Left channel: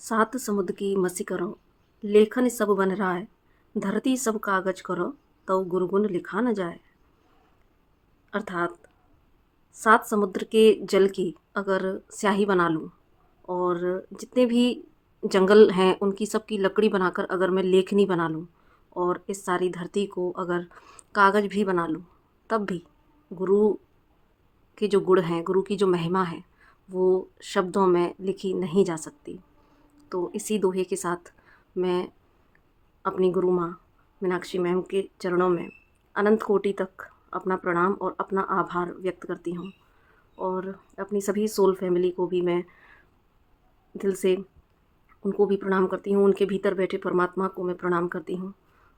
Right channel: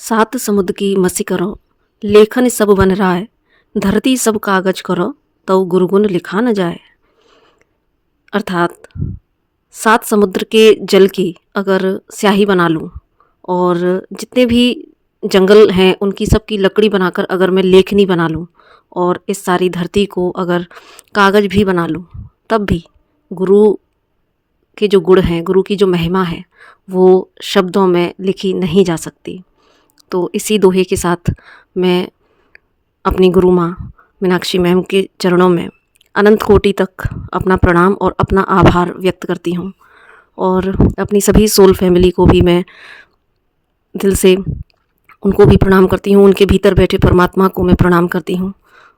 सात समुद्र की मसी करो, लेखन सब बन राय, धरती सब कागज करो, तव गुरुगुण लिखा न जाए। अर्थात सात समुद्र के जल की अगर स्याही बना लूँ और जितने भी जंगल हैं उनकी सबकी लकड़ी बनाकर अगर मैं लेखनी बना लूँ और इस सारी धरती को अगर कागज भी बना लूँ, तब भी गुरु के जो गुण हैं, गुरु की जो महिमा है, वो शब्दों में लिखी नहीं जा सकती। तो इसी दोहे के साथ मैं अपनी गुरु माँ मीनाक्षी मैम के चरणों में अनंत कोटि तक अपना प्रणाम और अपना आभार व्यक्त करती हूँ। और अपनी सभी सोल फैमिली को भी मैं दिल से उनको भी प्रणाम करती हूँ, उनके भीतर बैठे परमात्मा को मैं प्रणाम करती हूँ।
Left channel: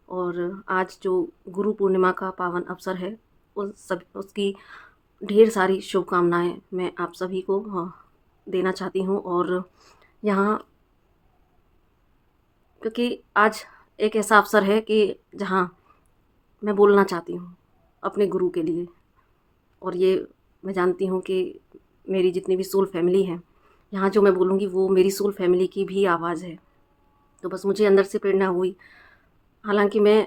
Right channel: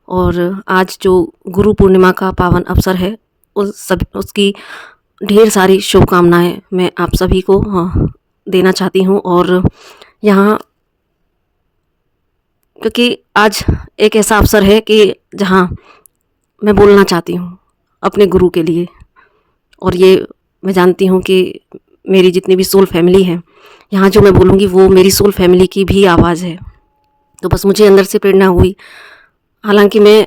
और आज जो गुरु पूर्णिमा का पावन अवसर है, उसकी ढेर सारी शुभकामनाएं मैं आप सभी को देना चाहती हूँ। और यहाँ क्योंकि आज एक ऐसा अवसर है कि जहाँ मैं बोलना चाहती हूँ अपने गुरु के लिए, और ये मैं जानती हूँ कि मेरी जितनी भी सोल फैमिली है, यहाँ जो मैं बोलूँगी वो मेरी सोल फैमिली की भी आवाज़ है। तो बस मुझे अंदर से प्रेरणा हुई। हालांकि मैं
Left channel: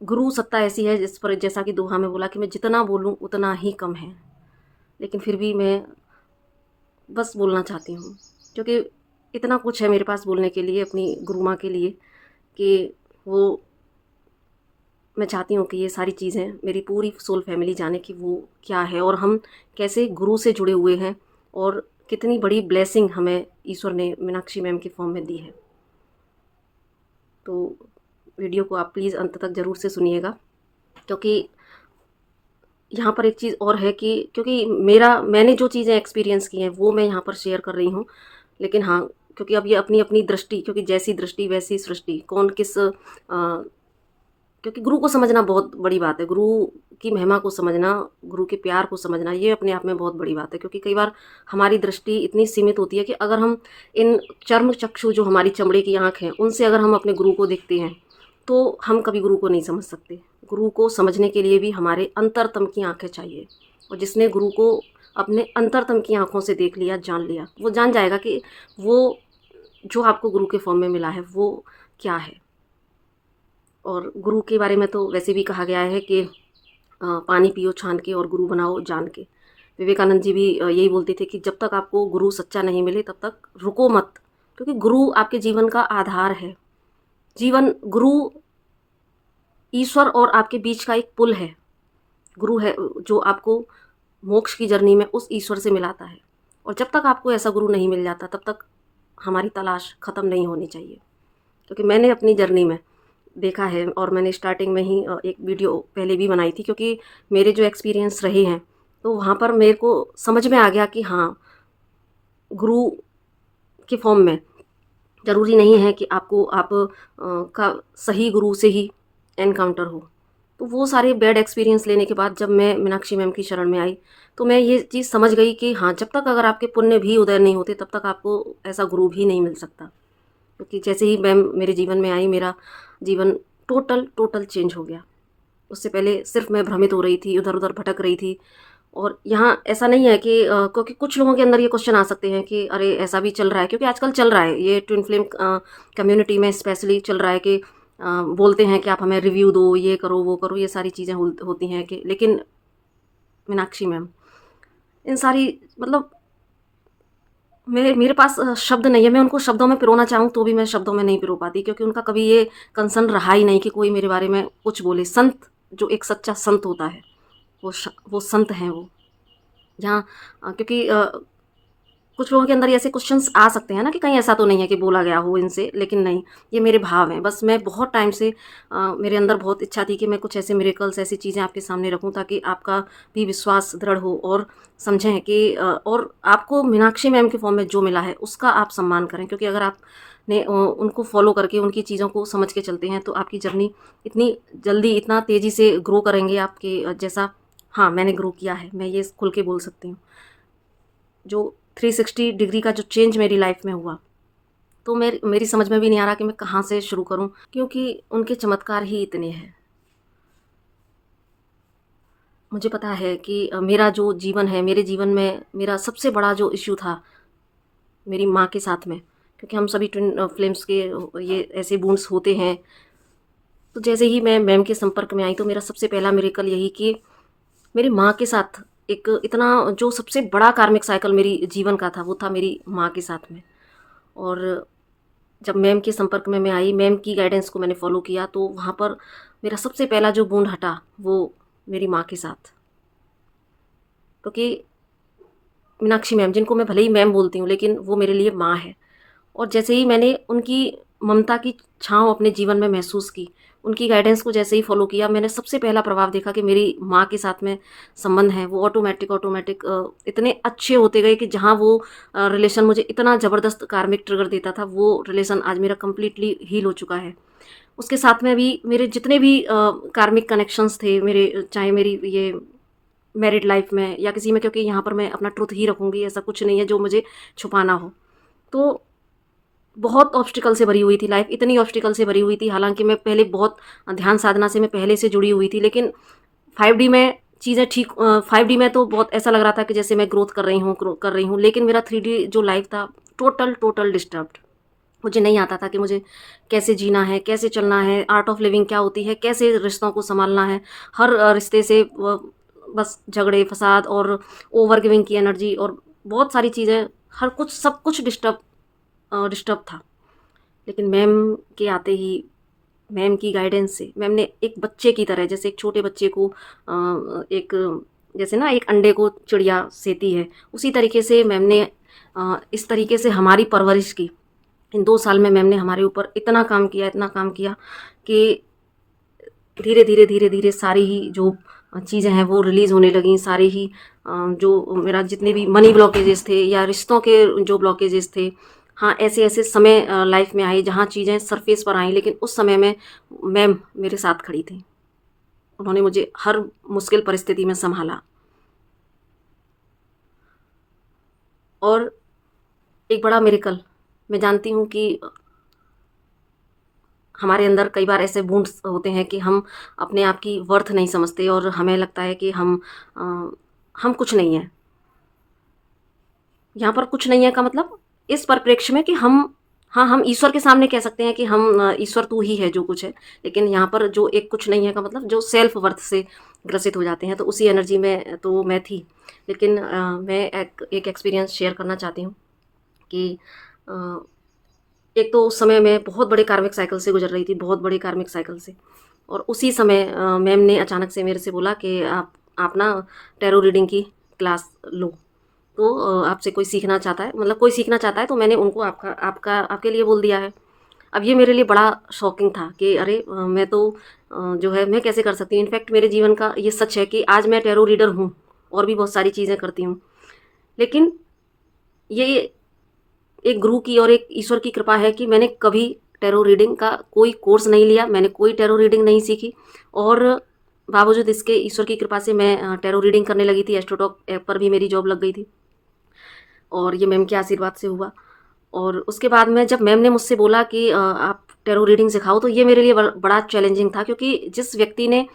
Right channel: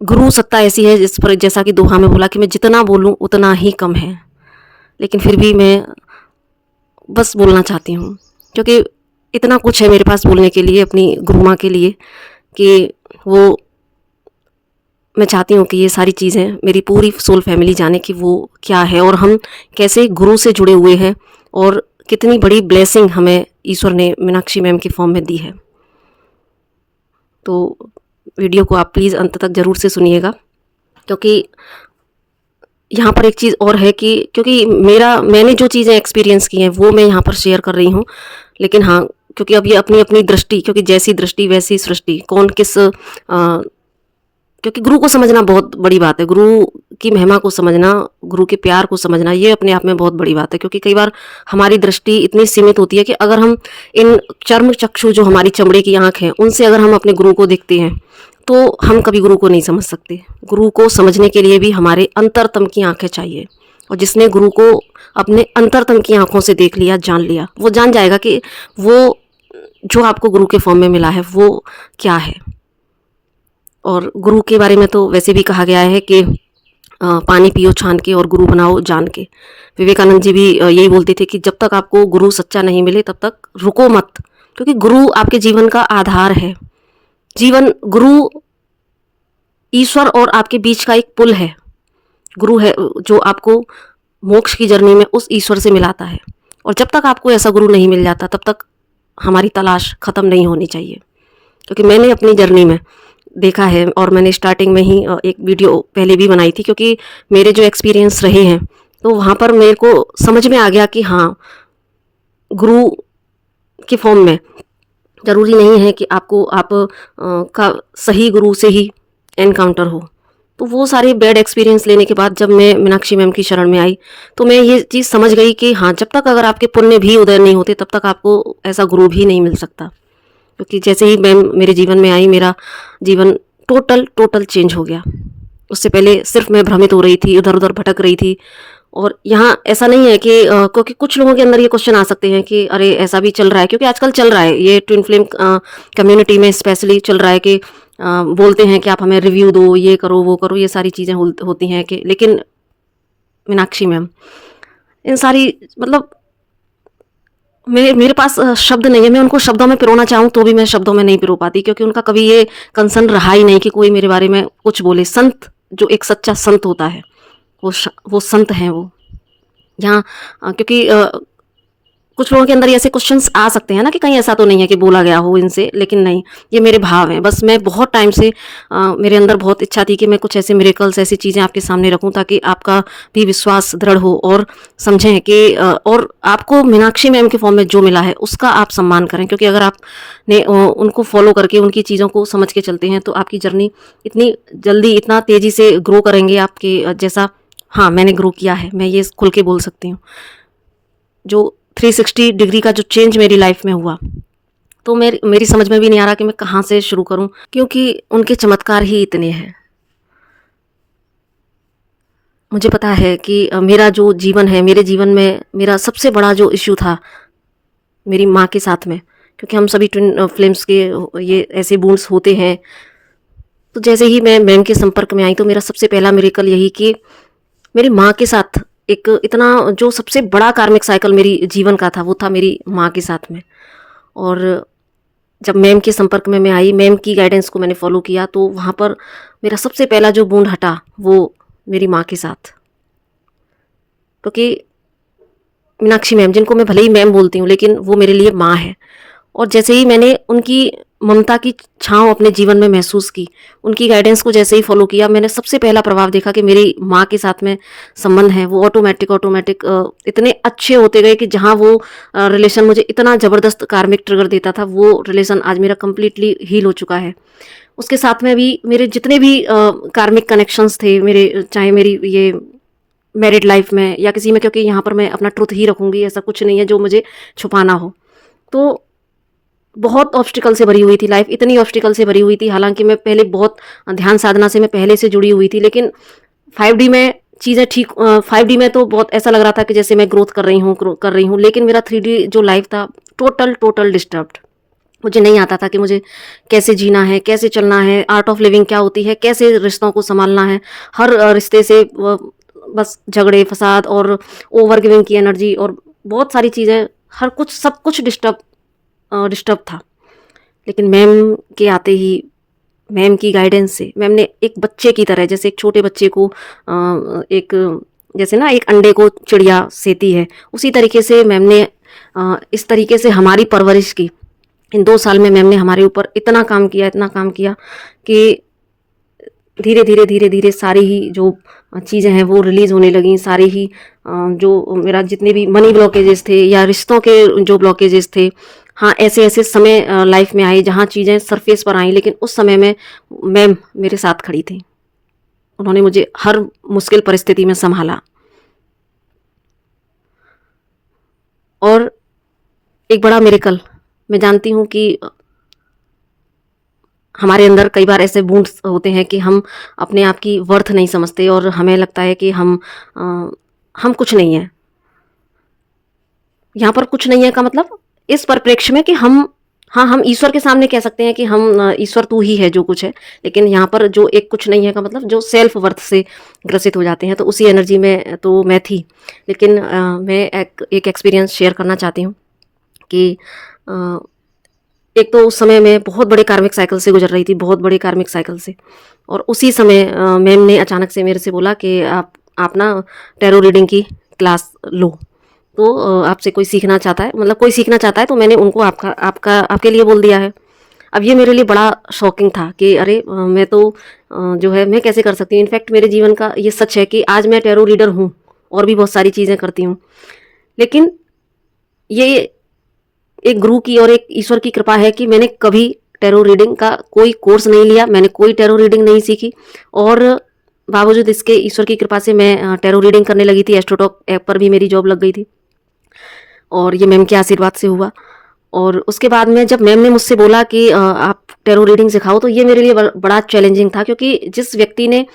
गुरु सत्ता ऐसी है जिस पर, जैसा कि दोहा में बोला कि मैं जितना बोलूँ उतना ही कम है, लेकिन फिर भी मैं बस बोलना चाहती हूँ क्योंकि इतना कुछ है मेरे पास बोलने के लिए अपनी गुरु माँ के लिए कि वो, मैं चाहती हूँ कि ये सारी चीज़ें मेरी पूरी सोल फैमिली जाने कि वो क्या है और हम कैसे गुरु से जुड़े हुए हैं और कितनी बड़ी ब्लेसिंग हमें ईश्वर ने मीनाक्षी मैम के फॉर्म में दी है। तो वीडियो को आप प्लीज़ अंत तक ज़रूर से सुनिएगा, क्योंकि यहाँ पर एक चीज़ और है कि क्योंकि मैंने जो चीज़ें एक्सपीरियंस की हैं वो मैं यहाँ पर शेयर कर रही हूँ। लेकिन हाँ, क्योंकि अब ये अपनी अपनी दृष्टि, क्योंकि जैसी दृष्टि वैसी सृष्टि, कौन किस क्योंकि गुरु को समझना बहुत बड़ी बात है। गुरु की महिमा को समझना, गुरु के प्यार को समझना, ये अपने आप में बहुत बड़ी बात है। क्योंकि कई बार हमारी दृष्टि इतनी सीमित होती है कि अगर हम इन चर्म चक्षु, जो हमारी चमड़े की आँख है, उनसे अगर हम अपने गुरु को देखते हैं तो हम कभी गुरु को नहीं समझ सकते। गुरु को समझने के लिए भी हमारे अंतरतम की आँखें चाहिए, और जिसने गुरु को अपने अंतरतम की आँखों से देख लिया, जान लिया, वो जान जाएगा कि वो जो आपको गुरु के फॉर्म में मिला है वो क्या है। और गुरु के बारे में तो वैसे भी कहा गया है कि पानी पियो छान के और गुरु बनाओ जान के। विवेकानंद जी भी यही बोलते थे कि जब तक आपको गुरु सच्चा नहीं मिले तब तक रुको मत, क्योंकि गुरु आपके जीवन का आधार है। गुरु ईश्वर और आपके बीच का एक पुल है। गुरु है जो आपको मोक्ष की जर्नी में उस ईश्वर से मिलाता है। और जब तक आपको ऐसा गुरु नहीं मिल जाता तब तक हमारी तलाश ख़त्म नहीं होनी चाहिए। क्योंकि मैंने अपनी जर्नी में देखा है, और मैंने स्टार्टिंग में ही एक वीडियो पहले भी बनाई थी, क्योंकि मेरे जो एक्सपीरियंस रहे हैं तो वहाँ पर मेरे को समझ में आ गया कि हाँ, गुरु के फॉर्म में ज़रूरी नहीं है कि आप का सही गुरु से ही एनकाउंटर हो। तो वो सारे बैड एक्सपीरियंस लेने के बाद जब मैं मीनाक्षी मैम की शरण में आई तो मैं ये चीज़ समझ गई कि हाँ, जब तक अगर आपके पुण्य भी उदय नहीं होते तब तक आपको ऐसा गुरु भी नहीं मिल सकता। क्योंकि जैसे ही मैम मेरे जीवन में आई, मेरा जीवन टोटल चेंज हो गया। उससे पहले सिर्फ मैं भ्रमित हो रही थी, इधर उधर भटक रही थी। और यहाँ ऐसा नहीं है कि क्योंकि कुछ लोगों के अंदर ये क्वेश्चन आ सकते हैं कि अरे ऐसा भी चल रहा है, क्योंकि आजकल चल रहा है ये ट्विन फ्लेम कम्युनिटी में स्पेशली चल रहा है कि बोलते हैं कि आप हमें रिव्यू दो, ये करो वो करो, ये सारी चीज़ें होती हैं कि, लेकिन मीनाक्षी मैम इन सारी, मतलब मेरे पास शब्द नहीं है। मैं उनको शब्दों में पिरोना चाहूँ तो भी मैं शब्दों में नहीं पिरो पाती, क्योंकि उनका कभी ये कंसर्न रहा ही नहीं कि कोई मेरे बारे में कुछ बोले। संत, जो एक सच्चा संत होता है, वो संत हैं वो। यहाँ क्योंकि कुछ लोगों के अंदर ऐसे क्वेश्चंस आ सकते हैं ना कि कहीं ऐसा तो नहीं है कि बोला गया हो इनसे, लेकिन नहीं, ये मेरे भाव हैं। बस मैं बहुत टाइम से मेरे अंदर बहुत इच्छा थी कि मैं कुछ ऐसे मिरेकल्स, ऐसी चीज़ें आपके सामने रखूं ताकि आपका भी विश्वास दृढ़ हो और समझें कि और आपको मीनाक्षी मैम के फॉर्म में जो मिला है उसका आप सम्मान करें। क्योंकि अगर आपने उनको फॉलो करके उनकी चीज़ों को समझ के चलते हैं तो आपकी जर्नी इतनी जल्दी, इतना तेज़ी से ग्रो करेंगे आपके जैसा, हाँ, मैंने ग्रो किया है, मैं ये खुल के बोल सकती हूँ। जो 360 डिग्री का जो चेंज मेरी लाइफ में हुआ, तो मेरी समझ में भी नहीं आ रहा कि मैं कहाँ से शुरू करूं, क्योंकि उनके चमत्कार ही इतने हैं। मुझे पता है कि मेरा जो जीवन है, मेरे जीवन में मेरा सबसे बड़ा जो इश्यू था मेरी माँ के साथ में, क्योंकि हम सभी ट्विन फ्लेम्स के ये ऐसे बूंड्स होते हैं। तो जैसे ही मैं मैम के संपर्क में आई तो मेरा सबसे पहला मिरेकल यही कि मेरी माँ के साथ एक इतना जो सबसे बड़ा कार्मिक साइकिल मेरी जीवन का था वो था मेरी माँ के साथ में। और जब मैम के संपर्क में मैं आई, मैम की गाइडेंस को मैंने फॉलो किया, तो वहाँ पर मेरा सबसे पहला जो बूंद हटा वो मेरी माँ के साथ। क्योंकि मीनाक्षी मैम, जिनको मैं भले ही मैम बोलती हूँ लेकिन वो मेरे लिए माँ है। और जैसे ही मैंने उनकी ममता की छाँव अपने जीवन में महसूस की, उनकी गाइडेंस को जैसे ही फॉलो किया, मैंने सबसे पहला प्रभाव देखा कि मेरी माँ के साथ में संबंध है वो ऑटोमेटिक इतने अच्छे होते गए कि जहाँ वो रिलेशन मुझे इतना ज़बरदस्त कार्मिक ट्रिगर देता था, वो रिलेशन आज मेरा कम्प्लीटली हील हो चुका है। उसके साथ में भी मेरे जितने भी कार्मिक कनेक्शंस थे मेरे, चाहे मेरी ये मैरिड लाइफ में या किसी में, क्योंकि यहाँ पर मैं अपना ट्रुथ ही रखूँगी, ऐसा कुछ नहीं है जो मुझे छुपाना हो। तो बहुत ऑब्स्टिकल से भरी हुई थी लाइफ, इतनी ऑब्स्टिकल से भरी हुई थी। हालांकि मैं पहले बहुत ध्यान साधना से मैं पहले से जुड़ी हुई थी, लेकिन 5D में चीज़ें ठीक 5D में तो बहुत ऐसा लग रहा था कि जैसे मैं ग्रोथ कर रही हूँ, लेकिन मेरा 3D जो लाइफ था टोटल डिस्टर्ब्ड। मुझे नहीं आता था कि मुझे कैसे जीना है, कैसे चलना है, आर्ट ऑफ लिविंग क्या होती है, कैसे रिश्तों को संभालना है। हर रिश्ते से बस झगड़े फसाद और ओवर गिविंग की एनर्जी और बहुत सारी चीज़ें, हर कुछ सब कुछ डिस्टर्ब था। लेकिन मैम के आते ही, मैम की गाइडेंस से, मैम ने एक बच्चे की तरह, जैसे एक छोटे बच्चे को एक, जैसे ना एक अंडे को चिड़िया सेती है, उसी तरीके से मैम ने इस तरीके से हमारी परवरिश की। इन 2 साल में मैम ने हमारे ऊपर इतना काम किया कि धीरे धीरे सारी ही जो चीज़ें हैं वो रिलीज़ होने लगीं। सारी ही जो मेरा जितने भी मनी ब्लॉकेजेस थे या रिश्तों के जो ब्लॉकेजेस थे, हाँ, ऐसे ऐसे समय लाइफ में आए जहाँ चीज़ें सरफेस पर आईं, लेकिन उस समय में मैम मेरे साथ खड़ी थी। उन्होंने मुझे हर मुश्किल परिस्थिति में संभाला। और एक बड़ा मिरेकल, मैं जानती हूँ कि हमारे अंदर कई बार ऐसे वुंड्स होते हैं कि हम अपने आप की वर्थ नहीं समझते और हमें लगता है कि हम कुछ नहीं हैं। यहाँ पर कुछ नहीं है का मतलब इस परिप्रेक्ष्य में कि हम ईश्वर के सामने कह सकते हैं कि ईश्वर तू ही है जो कुछ है। लेकिन यहाँ पर जो एक कुछ नहीं है का मतलब जो सेल्फ वर्थ से ग्रसित हो जाते हैं, तो उसी एनर्जी में तो मैं थी। लेकिन मैं एक एक्सपीरियंस शेयर करना चाहती हूँ कि एक तो उस समय मैं बहुत बड़े कार्मिक साइकिल से गुजर रही थी, बहुत बड़े कार्मिक साइकिल से। और उसी समय मैम ने अचानक से मेरे से बोला कि आप ना टैरो रीडिंग की क्लास लो। तो आपसे कोई सीखना चाहता है, मतलब कोई सीखना चाहता है, तो मैंने उनको आपके लिए बोल दिया है। अब ये मेरे लिए बड़ा शॉकिंग था कि अरे मैं तो जो है मैं कैसे कर सकती हूँ। इनफैक्ट मेरे जीवन का ये सच है कि आज मैं टैरो रीडर हूँ और भी बहुत सारी चीज़ें करती हूँ। लेकिन ये एक गुरु की और एक ईश्वर की कृपा है कि मैंने कभी टैरो रीडिंग का कोई कोर्स नहीं लिया, मैंने कोई टैरो रीडिंग नहीं सीखी। और बावजूद इसके ईश्वर की कृपा से मैं टैरो रीडिंग करने लगी थी। एस्ट्रोटॉक ऐप पर भी मेरी जॉब लग गई थी और ये मैम के आशीर्वाद से हुआ। और उसके बाद में जब मैम ने मुझसे बोला कि आप टैरो रीडिंग सिखाओ, तो ये मेरे लिए बड़ा चैलेंजिंग था, क्योंकि जिस व्यक्ति ने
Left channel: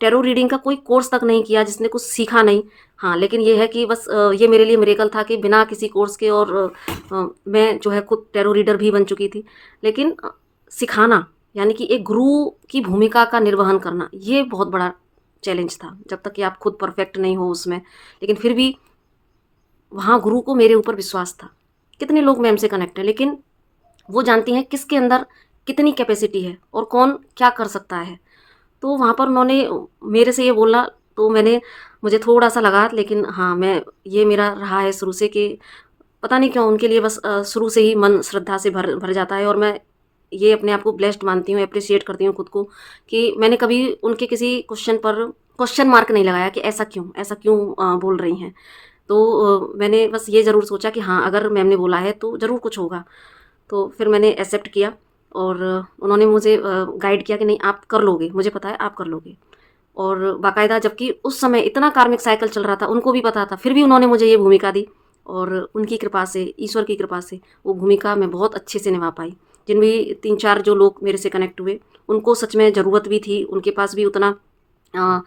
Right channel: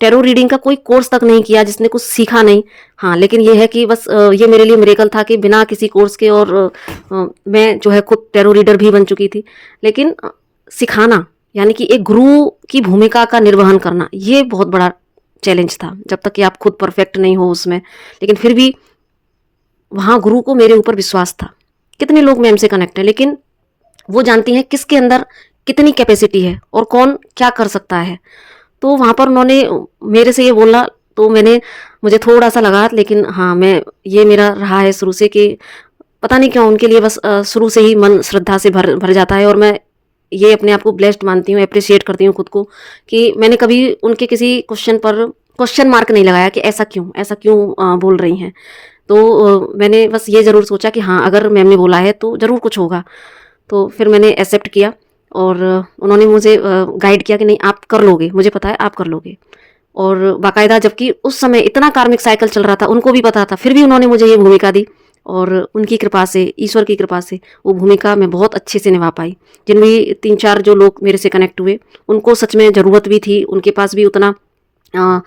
टैरो रीडिंग का कोई कोर्स तक नहीं किया, जिसने कुछ सीखा नहीं, हाँ, लेकिन ये है कि बस ये मेरे लिए मिरेकल था कि बिना किसी कोर्स के, और मैं जो है खुद टैरो रीडर भी बन चुकी थी। लेकिन सिखाना, यानी कि एक गुरु की भूमिका का निर्वहन करना, ये बहुत बड़ा चैलेंज था, जब तक कि आप खुद परफेक्ट नहीं हो उसमें। लेकिन फिर भी वहाँ गुरु को मेरे ऊपर विश्वास था। कितने लोग मैम से कनेक्ट हैं, लेकिन वो जानती हैं किसके अंदर कितनी कैपेसिटी है और कौन क्या कर सकता है। तो वहाँ पर उन्होंने मेरे से ये बोला, तो मुझे थोड़ा सा लगा, लेकिन हाँ, ये मेरा रहा है शुरू से कि पता नहीं क्यों उनके लिए बस शुरू से ही मन श्रद्धा से भर भर जाता है। और मैं ये अपने आप को ब्लेस्ड मानती हूँ, अप्रिशिएट करती हूँ खुद को कि मैंने कभी उनके किसी क्वेश्चन पर क्वेश्चन मार्क नहीं लगाया कि ऐसा क्यों बोल रही हैं। तो मैंने बस ये ज़रूर सोचा कि हाँ, अगर मैम ने बोला है तो ज़रूर कुछ होगा। तो फिर मैंने एक्सेप्ट किया और उन्होंने मुझे गाइड किया कि नहीं, आप कर लोगे, मुझे पता है आप कर लोगे। और बाकायदा, जबकि उस समय इतना कार्मिक साइकिल चल रहा था, उनको भी पता था, फिर भी उन्होंने मुझे ये भूमिका दी। और उनकी कृपा से, ईश्वर की कृपा से, वो भूमिका मैं बहुत अच्छे से निभा पाई। जिन भी 3-4 जो लोग मेरे से कनेक्ट हुए, उनको सच में ज़रूरत भी थी, उनके पास भी उतना अ,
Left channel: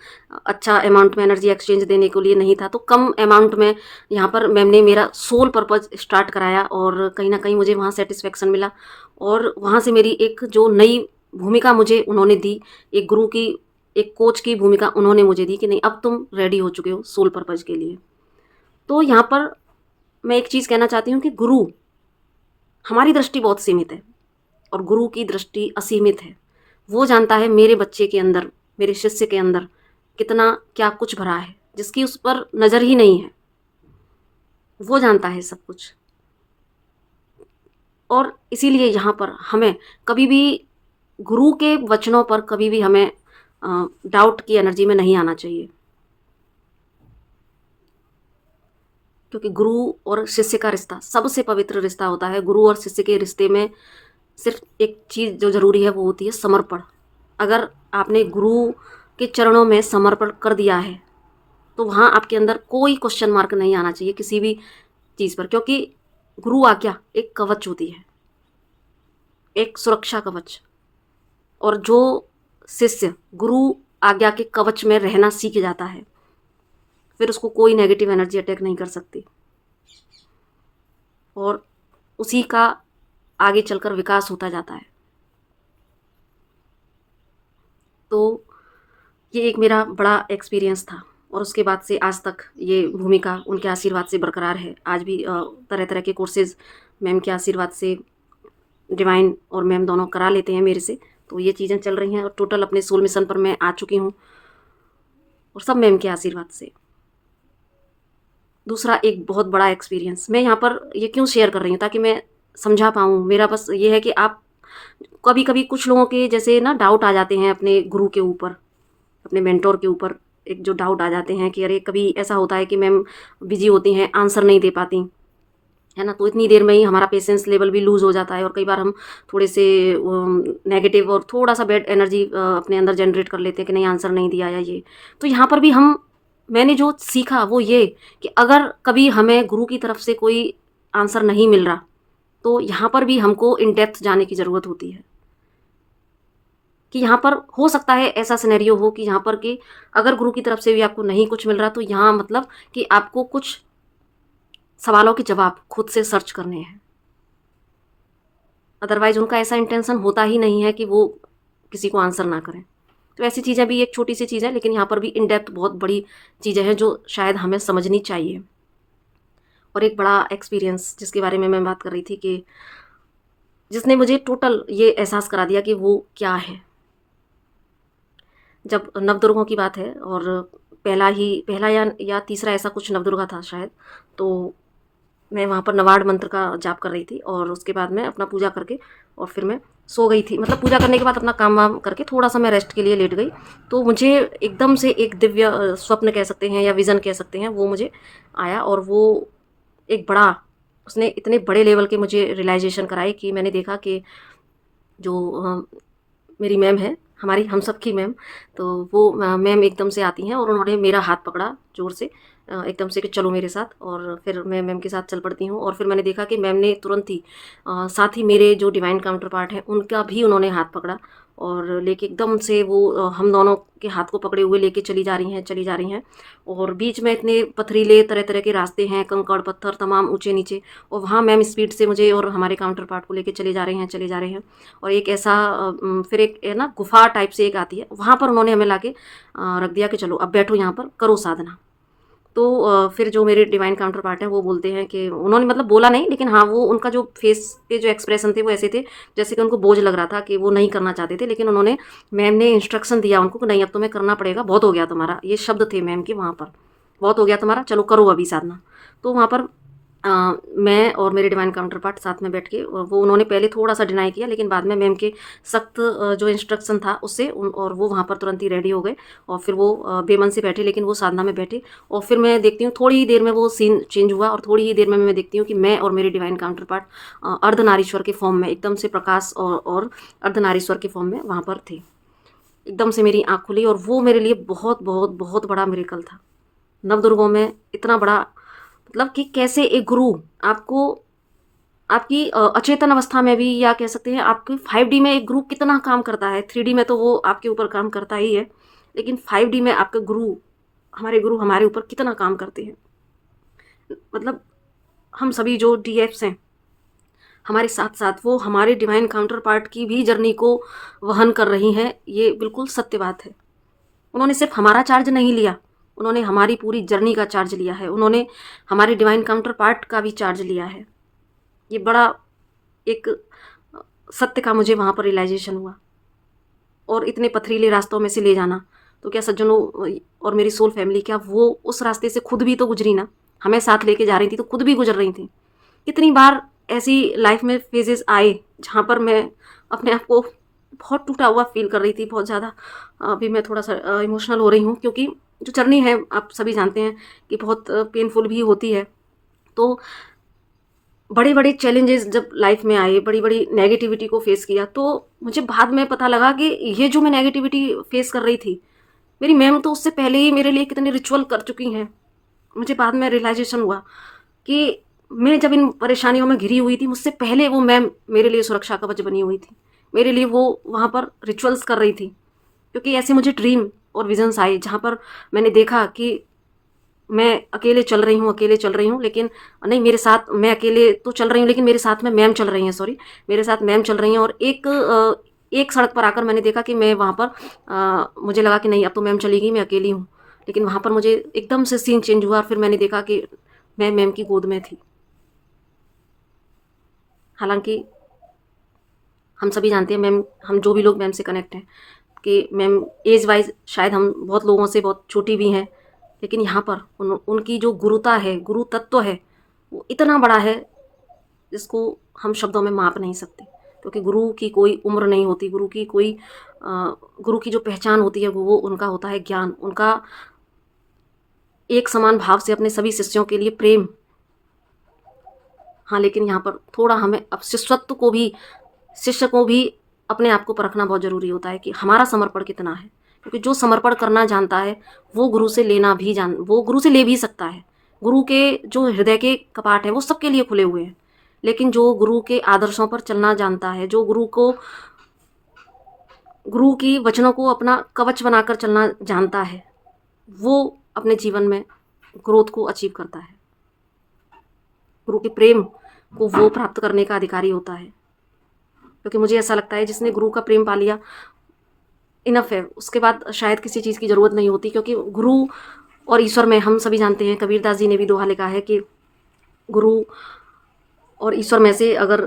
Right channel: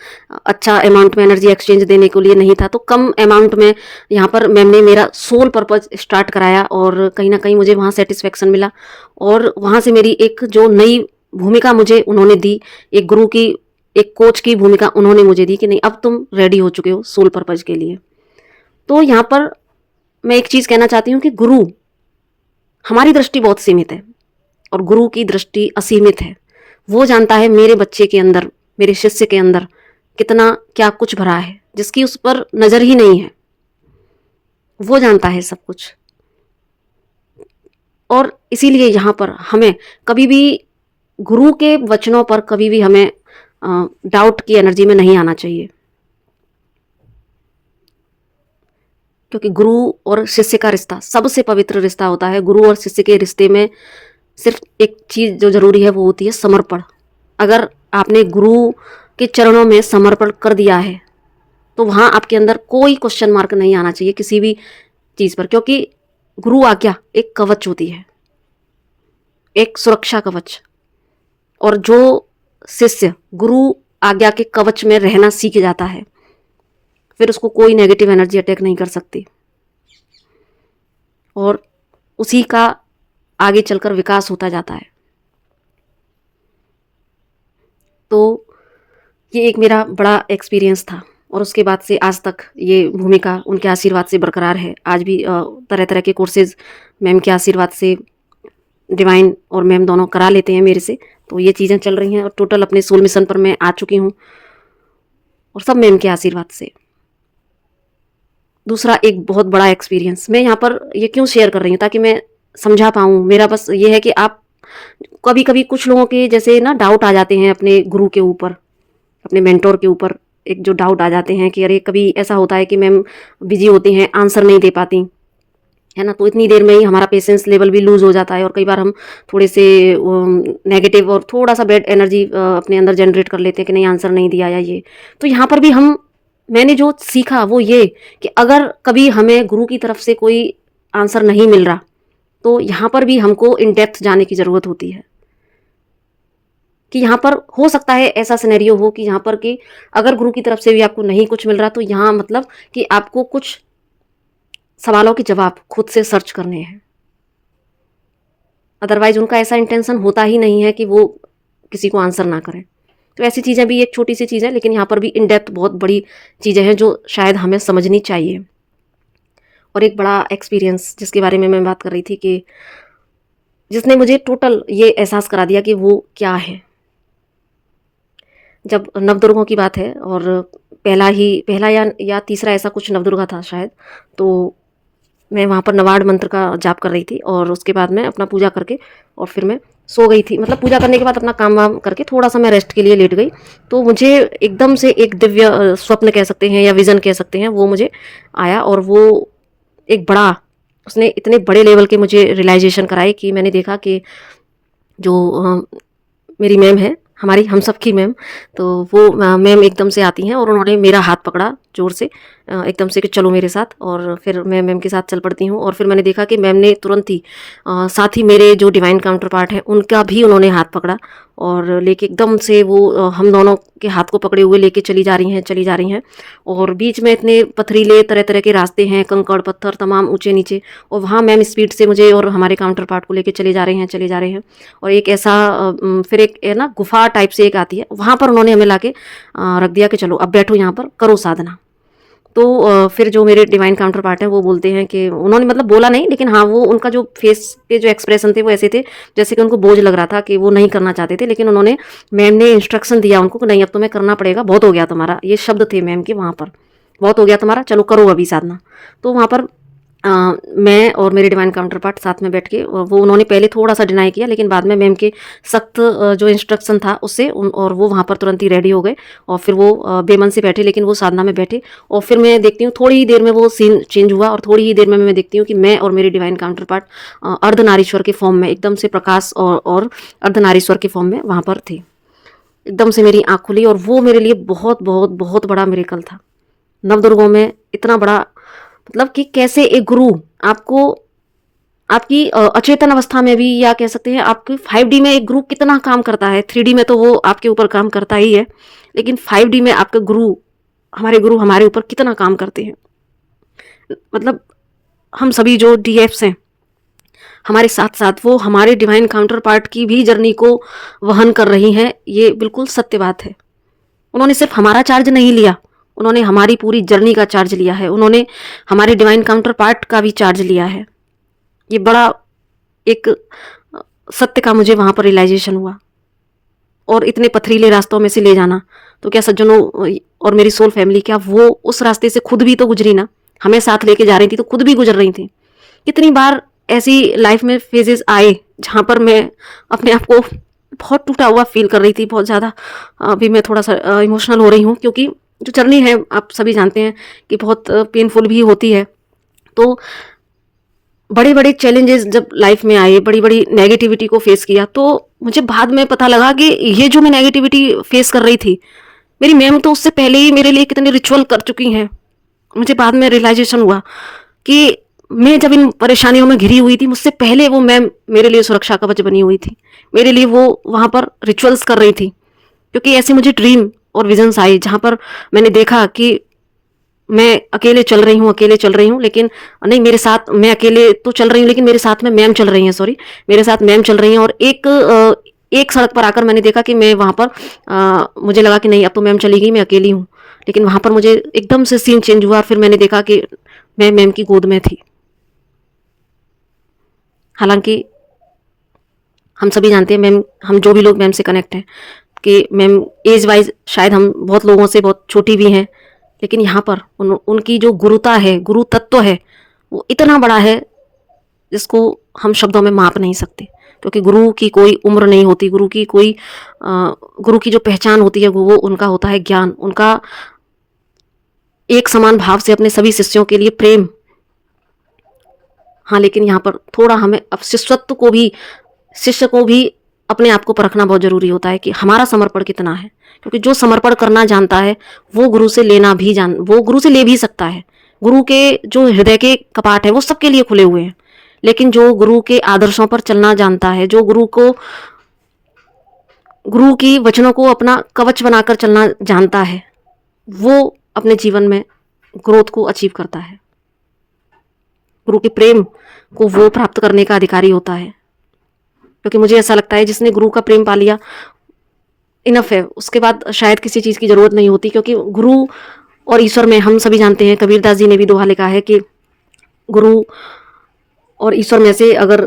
अच्छा अमाउंट में एनर्जी एक्सचेंज देने के लिए नहीं था, तो कम अमाउंट में यहाँ पर मैम ने मेरा सोल पर्पज़ स्टार्ट कराया और कहीं न कहीं मुझे वहाँ सैटिस्फैक्शन मिला और वहाँ से मेरी एक जो नई भूमिका मुझे उन्होंने दी, एक गुरु की, एक कोच की भूमिका उन्होंने मुझे दी कि नहीं, अब तुम रेडी हो चुके हो सोल पर्पज़ के लिए। तो यहाँ पर मैं एक चीज़ कहना चाहती हूँ कि गुरु, हमारी दृष्टि बहुत सीमित है और गुरु की दृष्टि असीमित है। वो जानता है मेरे बच्चे के अंदर, मेरे शिष्य के अंदर कितना क्या कुछ भरा है, जिसकी उस पर नज़र ही नहीं है। वो जानता है सब कुछ और इसीलिए यहाँ पर हमें कभी भी गुरु के वचनों पर कभी भी हमें डाउट की एनर्जी में नहीं आना चाहिए, क्योंकि गुरु और शिष्य का रिश्ता सबसे पवित्र रिश्ता होता है। गुरु और शिष्य के रिश्ते में सिर्फ एक चीज़ जो ज़रूरी है वो होती है समर्पण। अगर आपने गुरु के चरणों में समर्पण कर दिया है तो वहाँ आपके अंदर कोई क्वेश्चन मार्क नहीं आना चाहिए किसी भी चीज़ पर, क्योंकि गुरु आज्ञा एक कवच होती है, एक सुरक्षा कवच। और जो शिष्य गुरु आज्ञा के कवच में रहना सीख जाता है फिर उसको कोई नेगेटिव एनर्जी अटैक नहीं कर सकती और उसी का आगे चलकर विकास होता जाता है। तो ये एक मेरा बड़ा एक्सपीरियंस था और उसके बाद से आज तक ये भूमिका उनके आशीर्वाद से बरकरार है। आज भी तरह तरह के कोर्सेज मैम के आशीर्वाद से डिवाइन और मैम दोनों करा लेते हैं मेरे से। तो ये चीज़ें चल रही हैं और टोटल अपने सोल मिशन पर मैं आ चुकी हूँ और सब मैम के आशीर्वाद से। दूसरा एक बहुत बड़ा एक्सपीरियंस मैं यहाँ पर ये क्यों शेयर कर रही हूँ, ताकि मैं समझा पाऊँ। मेरा बस ये है कि आप कभी कभी कुछ लोगों के जैसे ना डाउट आ जाते हैं अपने गुरु के ऊपर, अपने मेंटोर के ऊपर एक जो डाउट आ जाते हैं कि अरे कभी ऐसा होता है कि मैम बिजी होती हैं, आंसर नहीं दे पाती है ना, तो इतनी देर में ही हमारा पेशेंस लेवल भी लूज़ हो जाता है और कई बार हम थोड़े से नेगेटिव और थोड़ा सा बैड एनर्जी अपने अंदर जनरेट कर लेते हैं कि नहीं आंसर नहीं दिया या ये। तो यहाँ पर भी मैंने जो सीखा वो ये कि अगर कभी हमें गुरु की तरफ से कोई आंसर नहीं मिल रहा तो यहाँ पर भी हमको इन डेप्थ जाने की ज़रूरत होती है कि यहाँ पर हो सकता है ऐसा सिनेरियो हो कि यहाँ पर कि अगर गुरु की तरफ से भी आपको नहीं कुछ मिल रहा तो यहाँ मतलब कि आपको कुछ सवालों के जवाब खुद से सर्च करने हैं। अदरवाइज उनका ऐसा इंटेंशन होता ही नहीं है कि वो किसी को आंसर ना करें। तो ऐसी चीज़ें भी एक छोटी सी चीज़ है, लेकिन यहाँ पर भी इन डेप्थ बहुत बड़ी चीज़ें हैं जो शायद हमें समझनी चाहिए। और एक बड़ा एक्सपीरियंस जिसके बारे में मैं बात कर रही थी कि जिसने मुझे टोटल ये एहसास करा दिया कि वो क्या है। जब नवदुर्गों की बात है और पहला या तीसरा ऐसा कुछ नवदुर्गा था शायद, तो मैं वहाँ पर नवाड़ मंत्र का जाप कर रही थी और उसके बाद मैं अपना पूजा करके और फिर मैं सो गई थी। मतलब पूजा करने के बाद अपना काम वाम करके थोड़ा सा मैं रेस्ट के लिए लेट गई, तो मुझे एकदम से एक दिव्य स्वप्न कह सकते हैं या विज़न कह सकते हैं, वो मुझे आया और वो एक बड़ा, उसने इतने बड़े लेवल के मुझे रियलाइजेशन कराए कि मैंने देखा कि जो मेरी मैम है, हमारी हम सब की मैम, तो वो मैम एकदम से आती हैं और उन्होंने मेरा हाथ पकड़ा ज़ोर से एकदम से कि चलो मेरे साथ, और फिर मैं मैम के साथ चल पड़ती हूँ। और फिर मैंने देखा कि मैम ने तुरंत ही साथ ही मेरे जो डिवाइन काउंटर पार्ट है उनका भी उन्होंने हाथ पकड़ा और लेके एकदम से वो हम दोनों के हाथ को पकड़े हुए लेके चली जा रही हैं, चली जा रही हैं। और बीच में इतने पथरीले तरह तरह के रास्ते हैं, कंकड़ पत्थर तमाम ऊंचे नीचे, और वहाँ मैम स्पीड से मुझे और हमारे काउंटर पार्ट को लेके चले जा रहे हैं, चले जा रहे हैं। और एक ऐसा फिर एक है ना गुफा टाइप से एक आती है, वहाँ पर उन्होंने हमें लाके रख दिया कि चलो अब बैठो यहाँ पर, करो साधना। तो फिर जो मेरे डिवाइन काउंटर पार्ट हैं वो बोलते हैं कि उन्होंने मतलब बोला नहीं, लेकिन हाँ वो उनका जो फेस के जो एक्सप्रेशन थे वो ऐसे थे जैसे कि उनको बोझ लग रहा था कि वो नहीं करना चाहते थे, लेकिन उन्होंने, मैम ने इंस्ट्रक्शन दिया उनको कि नहीं अब तुम्हें करना पड़ेगा, बहुत हो गया तुम्हारा, ये शब्द थे मैम के वहाँ पर, बहुत हो गया तुम्हारा, चलो करो अभी साधना। तो वहाँ पर मैं और मेरे डिवाइन काउंटर पार्ट साथ में बैठ के, वो उन्होंने पहले थोड़ा सा डिनाई किया, लेकिन बाद में मैम के सख्त जो इंस्ट्रक्शन था उससे और वो वहाँ पर तुरंत ही रेडी हो गए और फिर वो बेमन से बैठे, लेकिन वो साधना में बैठे। और फिर मैं देखती हूँ थोड़ी ही देर में वो सीन चेंज हुआ और थोड़ी ही देर में मैं देखती हूँ कि मैं और मेरे डिवाइन काउंटर पार्ट अर्धनारीश्वर के फॉर्म में, एकदम से प्रकाश और अर्धनारीश्वर के फॉर्म में वहाँ पर थे। एकदम से मेरी आँख खुली और वो मेरे लिए बहुत बहुत बहुत बड़ा मिरेकल था। नवदुर्गों में इतना बड़ा, मतलब कि कैसे एक गुरु आपको आपकी अचेतन अवस्था में भी, या कह सकते हैं आपकी 5D में एक गुरु कितना काम करता है। 3D में तो वो आपके ऊपर काम करता ही है, लेकिन 5D में आपके गुरु हमारे ऊपर कितना काम करते हैं। मतलब हम सभी जो DFs हैं, हमारे साथ-साथ वो हमारे डिवाइन काउंटर पार्ट की भी जर्नी को वहन कर रही हैं, ये बिल्कुल सत्य बात है। उन्होंने सिर्फ हमारा चार्ज नहीं लिया, उन्होंने हमारी पूरी जर्नी का चार्ज लिया है, उन्होंने हमारे डिवाइन काउंटर पार्ट का भी चार्ज लिया है। ये बड़ा एक सत्य का मुझे वहाँ पर रियलाइजेशन हुआ। और इतने पथरीले रास्तों में से ले जाना, तो क्या सज्जनों और मेरी सोल फैमिली, क्या वो उस रास्ते से खुद भी तो गुजरी ना, हमें साथ लेके जा रही थी तो खुद भी गुजर रही थी। कितनी बार ऐसी लाइफ में फेजेस आए जहाँ पर मैं अपने आप को बहुत टूटा हुआ फील कर रही थी, बहुत ज़्यादा। अभी मैं थोड़ा सा इमोशनल हो रही हूँ, क्योंकि जो जर्नी है आप सभी जानते हैं कि बहुत पेनफुल भी होती है। तो बड़े बड़े चैलेंजेस जब लाइफ में आए, बड़ी बड़ी नेगेटिविटी को फेस किया, तो मुझे बाद में पता लगा कि ये जो मैं नेगेटिविटी फेस कर रही थी, मेरी मैम तो उससे पहले ही मेरे लिए कितने रिचुअल कर चुकी हैं। मुझे बाद में रियलाइजेशन हुआ कि मैं जब इन परेशानियों में घिरी हुई थी, मुझसे पहले वो मैम मेरे लिए सुरक्षा कवच बनी हुई थी, मेरे लिए वो वहाँ पर रिचुअल्स कर रही थी। क्योंकि ऐसे मुझे ड्रीम और विजन्स आए जहाँ पर मैंने देखा कि मैं अकेले चल रही हूँ, अकेले चल रही हूँ, लेकिन नहीं, मेरे साथ मैं अकेले तो चल रही हूँ, लेकिन मेरे साथ में मैम चल रही हैं, सॉरी, मेरे साथ मैम चल रही हैं। और एक सड़क पर आकर मैंने देखा कि मैं वहाँ पर मुझे लगा कि नहीं, अब तो मैम चली गई, मैं अकेली हूँ। लेकिन वहाँ पर मुझे एकदम से सीन चेंज हुआ और फिर मैंने देखा कि मैं मैम की गोद में थी। हालाँकि हम सभी जानते हैं, मैम, हम जो भी लोग मैम से कनेक्ट हैं, कि मैम एज वाइज शायद हम बहुत लोगों से बहुत छोटी भी हैं, लेकिन यहाँ पर उनकी जो गुरुता है, गुरु तत्व है, वो इतना बड़ा है जिसको हम शब्दों में माप नहीं सकते। क्योंकि गुरु की कोई उम्र नहीं होती, गुरु की जो पहचान होती है वो उनका होता है ज्ञान, उनका एक समान भाव से अपने सभी शिष्यों के लिए प्रेम। हाँ, लेकिन यहाँ पर थोड़ा हमें अब शिष्य को भी अपने आप को परखना बहुत ज़रूरी होता है कि हमारा समर्पण कितना है। क्योंकि जो समर्पण करना जानता है, वो गुरु से ले भी सकता है। गुरु के जो हृदय के कपाट हैं वो सबके लिए खुले हुए हैं। लेकिन जो गुरु के आदर्शों पर चलना जानता है, जो गुरु की वचनों को अपना कवच बनाकर चलना जानता है, वो अपने जीवन में ग्रोथ को अचीव करता है। गुरु के प्रेम को वो प्राप्त करने का अधिकारी होता है। क्योंकि मुझे ऐसा लगता है, जिसने गुरु का प्रेम पा लिया, इनफ है, उसके बाद शायद किसी चीज़ की ज़रूरत नहीं होती। क्योंकि गुरु और ईश्वर में हम सभी जानते हैं, कबीरदास जी ने भी दोहा लिखा है कि गुरु और ईश्वर में से अगर